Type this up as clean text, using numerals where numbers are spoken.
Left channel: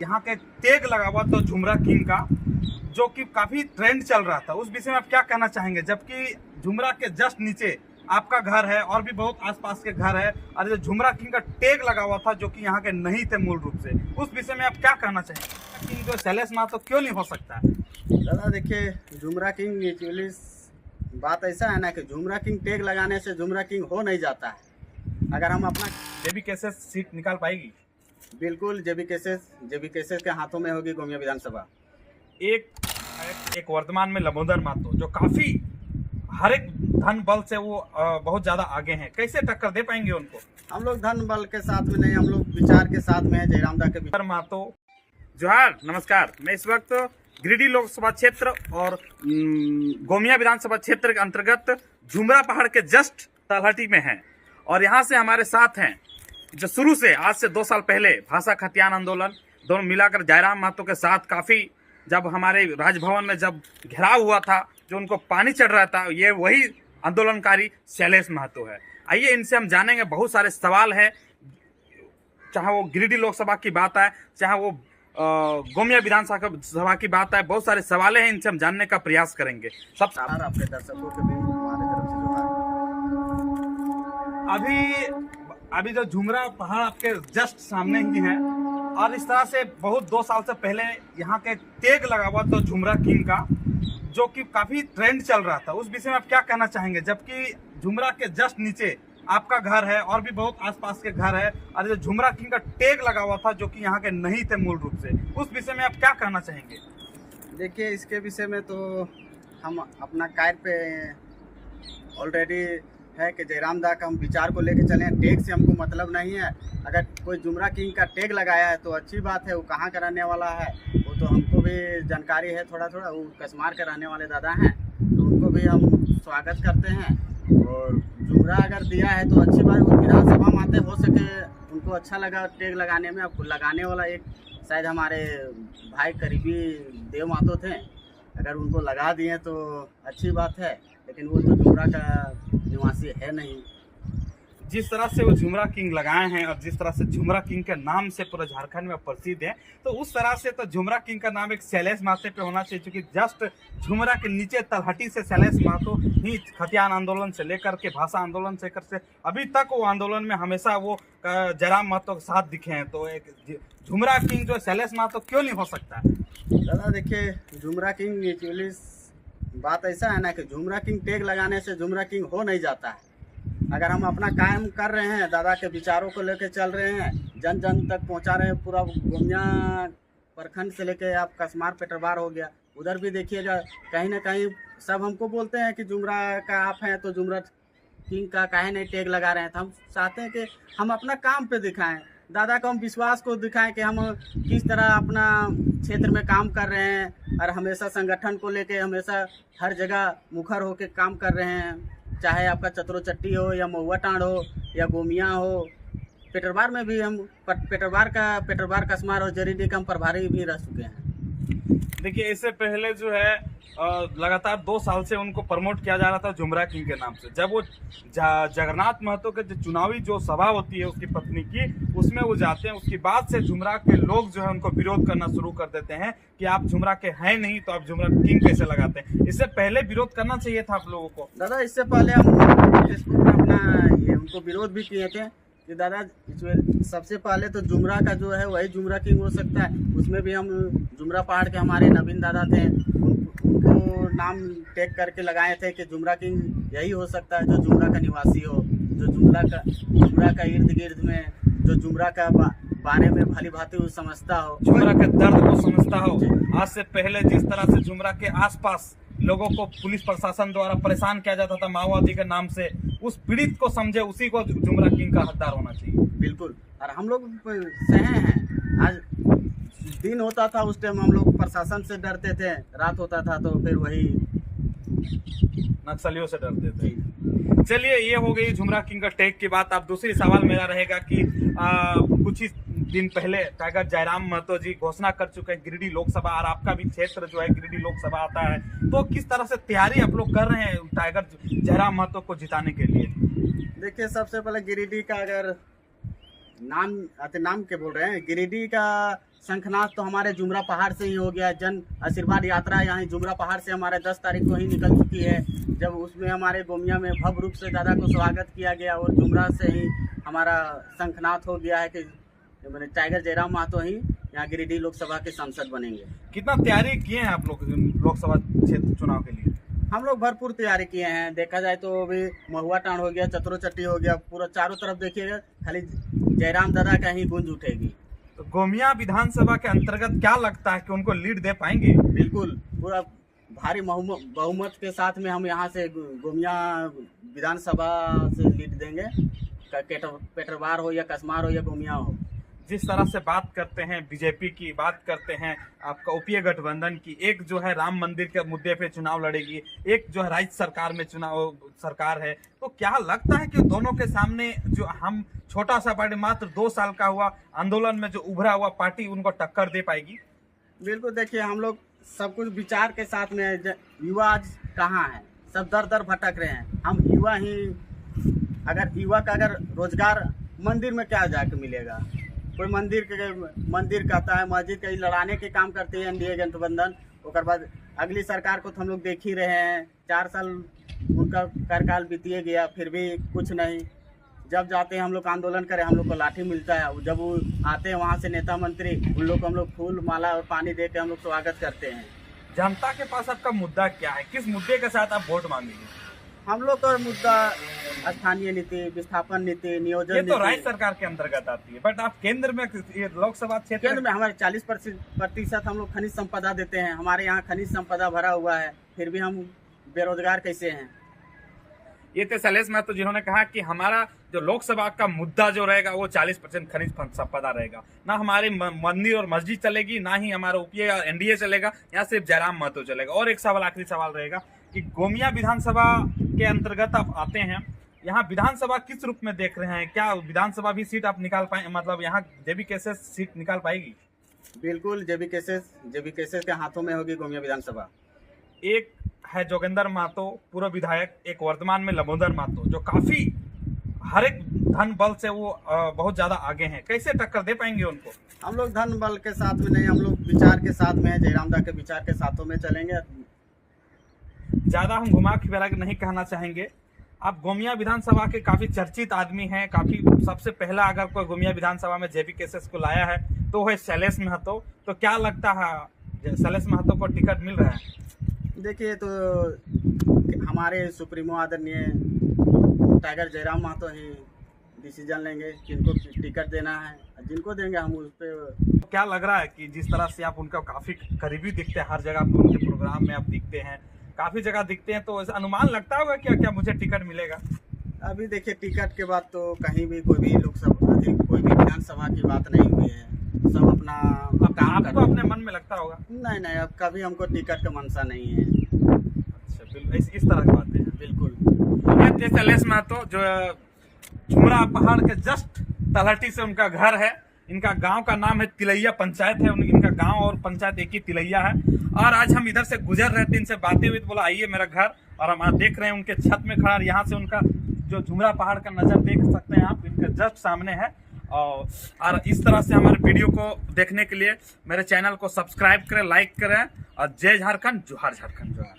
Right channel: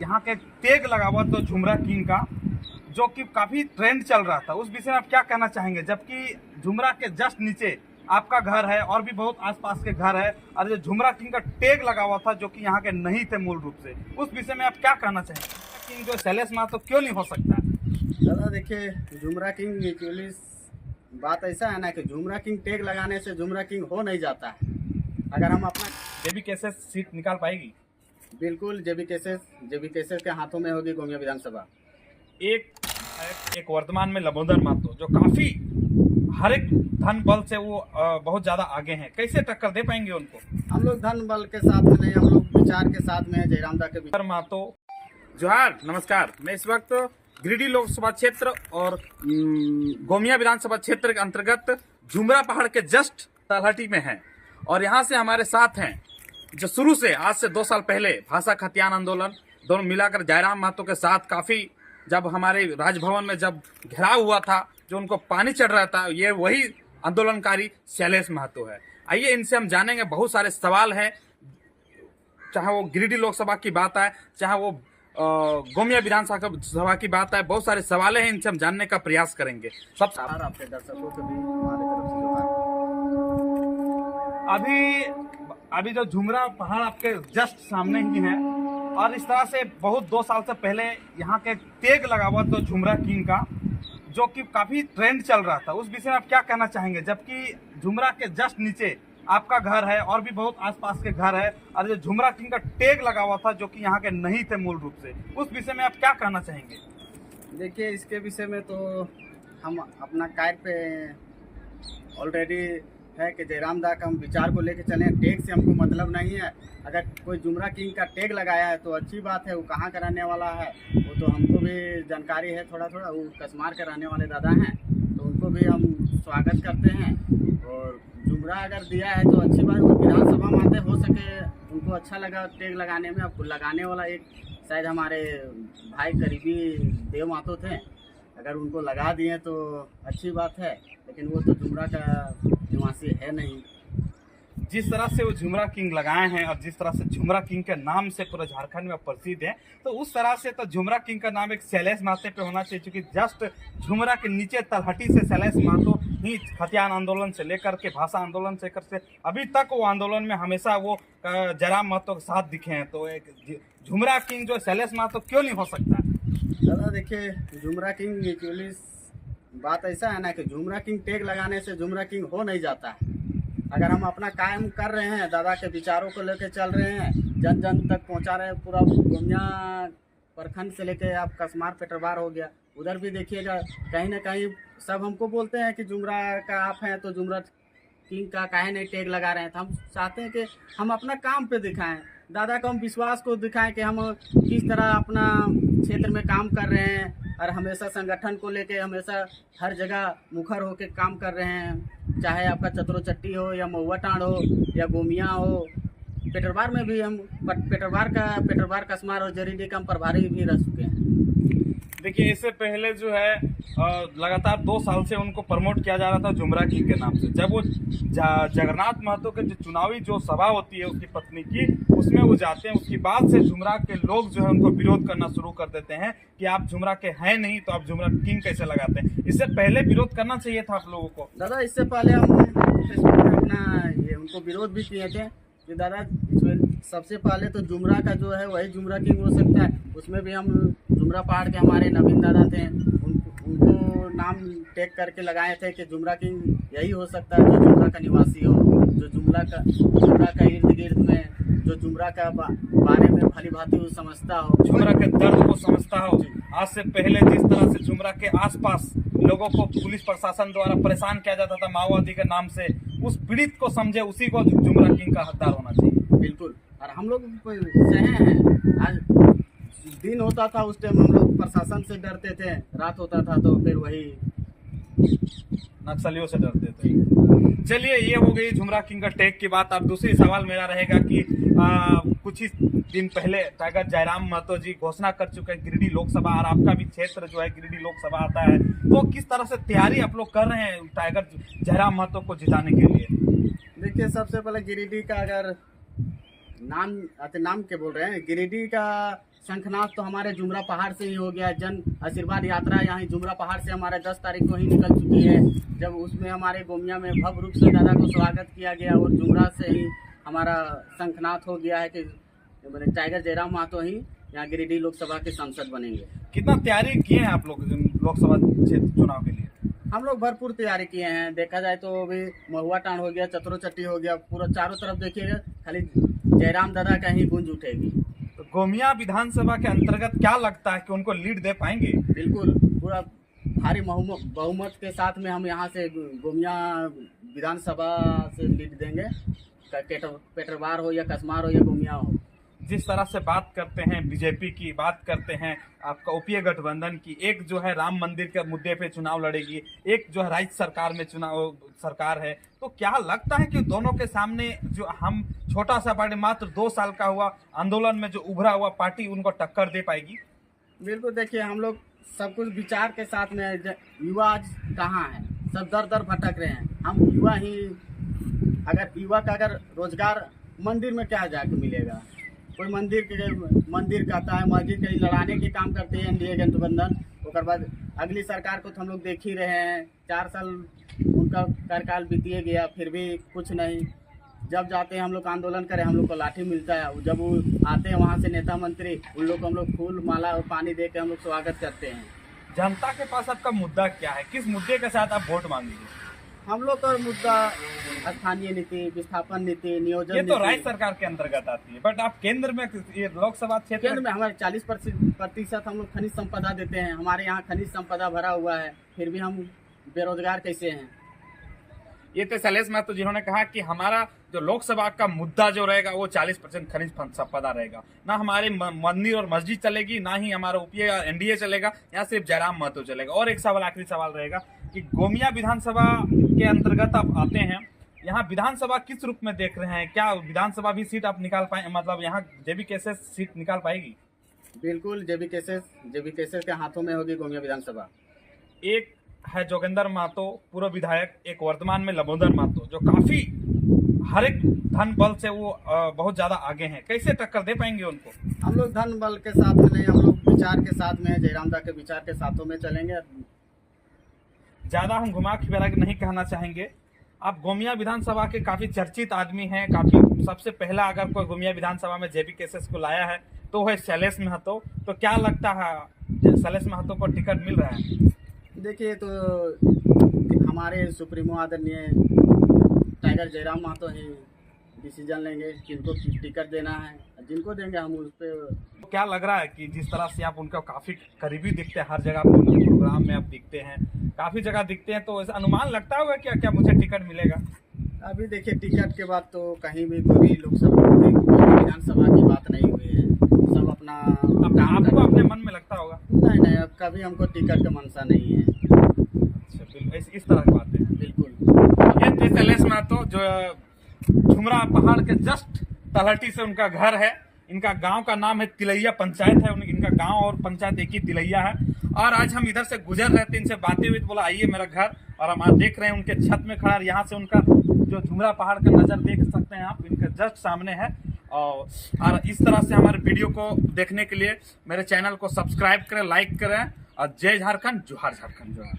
यहाँ के टैग लगा हुआ तो झुमरा किंग का, जो कि काफी ट्रेंड चल रहा था, उस विषय में आप क्या कहना चाहेंगे? जबकि झुमरा के जस्ट नीचे आपका घर है और भी बहुत आसपास के घर है, और जो झुमरा किंग का टैग लगा हुआ था जो कि यहाँ के नहीं थे मूल रूप से, उस विषय में आप क्या कहना चाहेंगे कि जो शैलेश महतो तो क्यों नहीं हो सकता? दादा देखिए, झुमरा किंग एक्चुअली बात ऐसा है ना कि झुमरा किंग टैग लगाने से झुमरा किंग हो नहीं जाता है। अगर हम अपना जेबी कैसे सीट निकाल पाएगी? बिल्कुल जेबी केसेस के हाथों में होगी गोमिया विधानसभा। एक वर्तमान में लंबोदर महतो जो काफी हर एक धन बल से वो बहुत ज्यादा आगे हैं, कैसे टक्कर दे पाएंगे उनको? हम लोग धन बल के साथ में नहीं, हम लोग विचार के साथ में है। जयराम दा के विचार महतो जोहार, नमस्कार। मैं इस वक्त गिरिडीह लोकसभा क्षेत्र और गोमिया विधानसभा क्षेत्र के अंतर्गत झुमरा पहाड़ के जस्ट तलहटी में हैं, और यहाँ से हमारे साथ हैं जो शुरू से आज से 2 साल पहले भाषा खतियान आंदोलन दोनों मिलाकर जयराम महतो के साथ काफी, जब हमारे राजभवन में जब घेराव हुआ था, जो उनको पानी चढ़ रहा था, ये वही आंदोलनकारी शैलेश महतो है। आइए इनसे हम जानेंगे, बहुत सारे सवाल हैं, चाहे वो गिरिडीह लोकसभा की बात है, चाहे वो गोमिया विधानसभा की बात है, बहुत सारे सवाल हैं, इनसे हम जानने का प्रयास करेंगे। सबसे आपके दर्शकों के भी हमारे तरफ से जोहार। अभी जो झुमरा पहाड़ आपके जस्ट सामने ही है, और इस तरह से बहुत 2 साल से पहले यहाँ के टैग लगा हुआ तो झुमरा किंग का, जो कि काफी ट्रेंड चल रहा था, उस विषय में आप क्या कहना चाहेंगे? जबकि झुमरा के जस्ट नीचे आपका घर है और भी बहुत आसपास के घर है, और जो झुमरा किंग का टैग लगा हुआ था जो कि यहाँ के नहीं थे मूल रूप से, उस विषय में आप क्या कहना चाहेंगे? देखिए, इसके विषय में तो हम अपना कार्य पे ऑलरेडी है कि जयराम दा का हम विचार को लेके चले। टैग से हमको मतलब नहीं है। अगर कोई झुमरा किंग का टैग लगाया है तो अच्छी बात है। वो कहाँ का रहने वाला है वो तो हमको भी जानकारी है थोड़ा थोड़ा। वो कसमार के रहने वाले दादा हैं, तो उनको भी हम स्वागत करते हैं। और झुमरा अगर दिया है तो अच्छी बात। विधानसभा माते हो सके उनको अच्छा लगा टैग लगाने में। अब लगाने वाला एक शायद हमारे भाई करीबी देव महतो थे, अगर उनको लगा दिए तो अच्छी बात है, लेकिन वो तो झुमरा का निवासी है नहीं। जिस तरह से वो झुमरा किंग लगाए हैं और जिस तरह से झुमरा किंग के नाम से पूरे झारखंड में प्रसिद्ध है, तो उस तरह से तो झुमरा किंग का नाम एक शैलेश महतो पे होना चाहिए, क्योंकि जस्ट झुमरा के नीचे तलहटी से शैलेश महतो ही खतियान आंदोलन से लेकर के भाषा आंदोलन से लेकर से अभी तक वो आंदोलन में हमेशा वो जयराम महतो के साथ दिखे हैं। तो एक झुमरा किंग जो शैलेश महतो क्यों नहीं हो सकता? दादा देखिए, झुमरा किंग एक्चुअली बात ऐसा है ना कि झुमरा किंग टैग लगाने से झुमरा किंग हो नहीं जाता है। अगर हम अपना काम कर रहे हैं, दादा के विचारों को लेकर चल रहे हैं, जन जन तक पहुंचा रहे हैं, पूरा गोमिया प्रखंड से लेकर आप कसमार पेटरबार हो गया, उधर भी देखिएगा कहीं ना कहीं सब हमको बोलते हैं कि झुमरा का आप हैं तो झुमरा किंग का काहे नहीं टैग लगा रहे हैं। तो हम चाहते हैं कि हम अपना काम पे दिखाएं, दादा को हम विश्वास को दिखाएं कि हम किस तरह अपना क्षेत्र में काम कर रहे हैं, और हमेशा संगठन को लेके हमेशा हर जगह मुखर होकर काम कर रहे हैं। चाहे आपका चतुरोचट्टी हो या महुआ टाँड़ हो या गोमिया हो, पेटरबार में भी हम पेटरबार कसमार और जरीडीह का हम प्रभारी भी रह चुके हैं। देखिए, इससे पहले जो है लगातार 2 साल से उनको प्रमोट किया जा रहा था झुमरा किंग के नाम से। जब वो जगन्नाथ महतो के जो चुनावी जो सभा होती है उसकी पत्नी की, उसमें वो जाते हैं, उसके बाद से झुमरा के लोग जो है उनको विरोध करना शुरू कर देते हैं कि आप झुमरा के हैं नहीं तो आप झुमरा किंग कैसे लगाते हैं। इससे पहले विरोध करना चाहिए था आप लोगों को। दादा इससे पहले हम अपना ये उनको विरोध भी किए थे कि दादा इसमें सबसे पहले तो झुमरा का जो है वही झुमरा किंग हो सकता है। उसमें भी हम झुमरा पहाड़ के हमारे नवीन दादा थे, उनको नाम टैग करके लगाए थे कि झुमरा किंग यही हो सकता है जो झुमरा का निवासी हो, जो झुमरा का इर्द गिर्द में, जो झुमरा का बारे में भली भांति वो समझता हो, झुमरा के दर्द को समझता हो। आज से पहले जिस तरह से झुमरा के आसपास लोगों को पुलिस प्रशासन द्वारा परेशान किया जाता था माओवादी के नाम से, उस पीड़ित को समझे, उसी को झुमरा किंग का हकदार होना चाहिए। बिल्कुल। और हम लोग सहे हैं। आज दिन होता था उस टाइम हम लोग प्रशासन से डरते थे, रात होता था तो फिर वही नक्सलियों से डरते थे। चलिए, ये हो गई झुमरा किंग का टैग की बात। अब दूसरी सवाल मेरा रहेगा कि कुछ ही दिन पहले टाइगर जयराम महतो जी घोषणा कर चुके हैं गिरिडीह लोकसभा, और आपका भी क्षेत्र जो है गिरिडीह लोकसभा आता है, तो किस तरह से तैयारी आप लोग कर रहे हैं टाइगर जयराम महतो को जिताने के लिए? देखिए, सबसे पहले गिरिडीह का अगर नाम के बोल रहे हैं, गिरिडीह का शंखनाथ तो हमारे जुमरा पहाड़ से ही हो गया। जन आशीर्वाद यात्रा यहाँ जुमरा पहाड़ से हमारे 10 तारीख को ही निकल चुकी है, जब उसमें हमारे गोमिया में भव्य रूप से दादा को स्वागत किया गया। और जुमरा से ही हमारा शंखनाथ हो गया है कि मैंने टाइगर जयराम महतो ही यहाँ गिरिडीह लोकसभा के सांसद बनेंगे। कितना तैयारी किए हैं आप लोग लोकसभा क्षेत्र चुनाव के लिए? हम लोग भरपूर तैयारी किए हैं। देखा जाए तो अभी महुआ टांड हो गया, चतरो चट्टी हो गया, पूरा चारों तरफ देखिएगा खाली जयराम दादा का ही गूंज उठेगी। तो गोमिया विधानसभा के अंतर्गत क्या लगता है कि उनको लीड दे पाएंगे? बिल्कुल, पूरा भारी बहुमत के साथ में हम यहाँ से गोमिया विधानसभा से लीड देंगे। पेटरवार हो या कसमार हो या गोमिया हो। जिस तरह से बात करते हैं बीजेपी की, बात करते हैं आपका यूपीए गठबंधन की, एक जो है राम मंदिर के मुद्दे पे चुनाव लड़ेगी, एक जो है राज्य सरकार में चुनाव सरकार है, तो क्या लगता है कि दोनों के सामने जो हम छोटा सा पार्टी मात्र 2 साल का हुआ आंदोलन में जो उभरा हुआ पार्टी उनको टक्कर दे पाएगी? बिल्कुल, देखिए हम लोग सब कुछ विचार के साथ में। युवा आज कहाँ है, सब दर दर भटक रहे हैं। हम युवा ही, अगर युवा का अगर रोजगार मंदिर में क्या जाके मिलेगा? कोई मंदिर कहता है, मस्जिद के लड़ाने के काम करते हैं एनडीए गठबंधन। उसके बाद अगली सरकार को तो हम लोग देख ही रहे हैं, 4 साल उनका कार्यकाल बीतिए गया, फिर भी कुछ नहीं। जब जाते हैं हम लोग आंदोलन करें, हम लोग को लाठी मिलता है। जब वो आते हैं वहाँ से नेता मंत्री, उन लोग को हम लोग फूल माला और पानी दे के हम लोग स्वागत करते हैं। जनता के पास आपका मुद्दा क्या है? किस मुद्दे के साथ आप वोट मांगेंगे? हम लोग का मुद्दा स्थानीय नीति, विस्थापन नीति, नियोजन। ये तो राज्य सरकार के अंतर्गत आती है, बट आप केंद्र में, ये लोकसभा क्षेत्र केंद्र में हमारे 40% हम लोग खनिज संपदा देते हैं। हमारे यहाँ खनिज संपदा भरा हुआ है, फिर भी हम बेरोजगार कैसे हैं? ये थे शैलेश महतो जिन्होंने कहा कि हमारा जो लोकसभा का मुद्दा जो रहेगा वो 40% खनिज संपदा रहेगा। ना हमारे मंदिर और मस्जिद चलेगी, ना ही हमारा यूपीए और एनडीए चलेगा, यहाँ सिर्फ जयराम महतो चलेगा। और एक सवाल, आखिरी सवाल रहेगा कि गोमिया विधानसभा के अंतर्गत आप आते हैं, यहाँ विधानसभा किस रूप में देख रहे हैं? क्या विधानसभा भी सीट आप निकाल पाए, मतलब यहाँ जेबी केसेस सीट निकाल पाएगी? बिल्कुल, जेबी केसेस के हाथों में होगी गोमिया विधानसभा। एक है जोगेंद्र महतो पूर्व विधायक, एक वर्तमान में लंबोदर महतो जो काफी हर एक धन बल से वो बहुत ज्यादा आगे हैं। कैसे टक्कर दे पाएंगे उनको? हम लोग धन बल के साथ में नहीं, हम लोग विचार के साथ में है। जयराम दा के विचार के साथों में चलेंगे। ज्यादा हम घुमा फिरा के नहीं कहना चाहेंगे। आप गोमिया विधानसभा के काफी चर्चित आदमी हैं, काफी सबसे पहला अगर कोई गोमिया विधानसभा में जेबी केसेस को लाया है तो है शैलेश महतो। तो क्या लगता है शैलेश महतो को टिकट मिल रहा है? देखिए, तो हमारे सुप्रीमो आदरणीय टाइगर जयराम महतो ही डिसीजन लेंगे किनको टिकट देना है, जिनको देंगे हम उस पर। क्या लग रहा है कि जिस तरह से आप उनका काफी करीबी दिखते हैं, हर जगह पे उनके प्रोग्राम में आप दिखते हैं, काफी जगह दिखते हैं, तो ऐसा अनुमान लगता होगा क्या मुझे टिकट मिलेगा? अभी देखिए, टिकट के बाद तो कहीं भी कोई भी लोकसभा विधानसभा की बात नहीं हुई है। सब अपना आपको अपने मन में लगता होगा? नहीं, अब कभी हमको टिकट का मनसा नहीं है। अच्छा, बिल्कुल इस तरह की बातें हैं। बिल्कुल। ये थे शैलेश महतो जो झुमरा पहाड़ के जस्ट तलहटी से उनका घर है। इनका गांव का नाम है तिलैया पंचायत है, इनका गांव और पंचायत एक ही तिलैया है। और आज हम इधर से गुजर रहे थे, इनसे बातें हुई तो बोला आइए मेरा घर, और हम देख रहे हैं उनके छत में खड़ा। यहाँ से उनका जो झुमरा पहाड़ का नज़र देख सकते हैं आप, इनके जस्ट सामने है। और इस तरह से हमारे वीडियो को देखने के लिए मेरे चैनल को सब्सक्राइब करें, लाइक करें, और जय झारखंड, जोहार झारखंड, जोहार।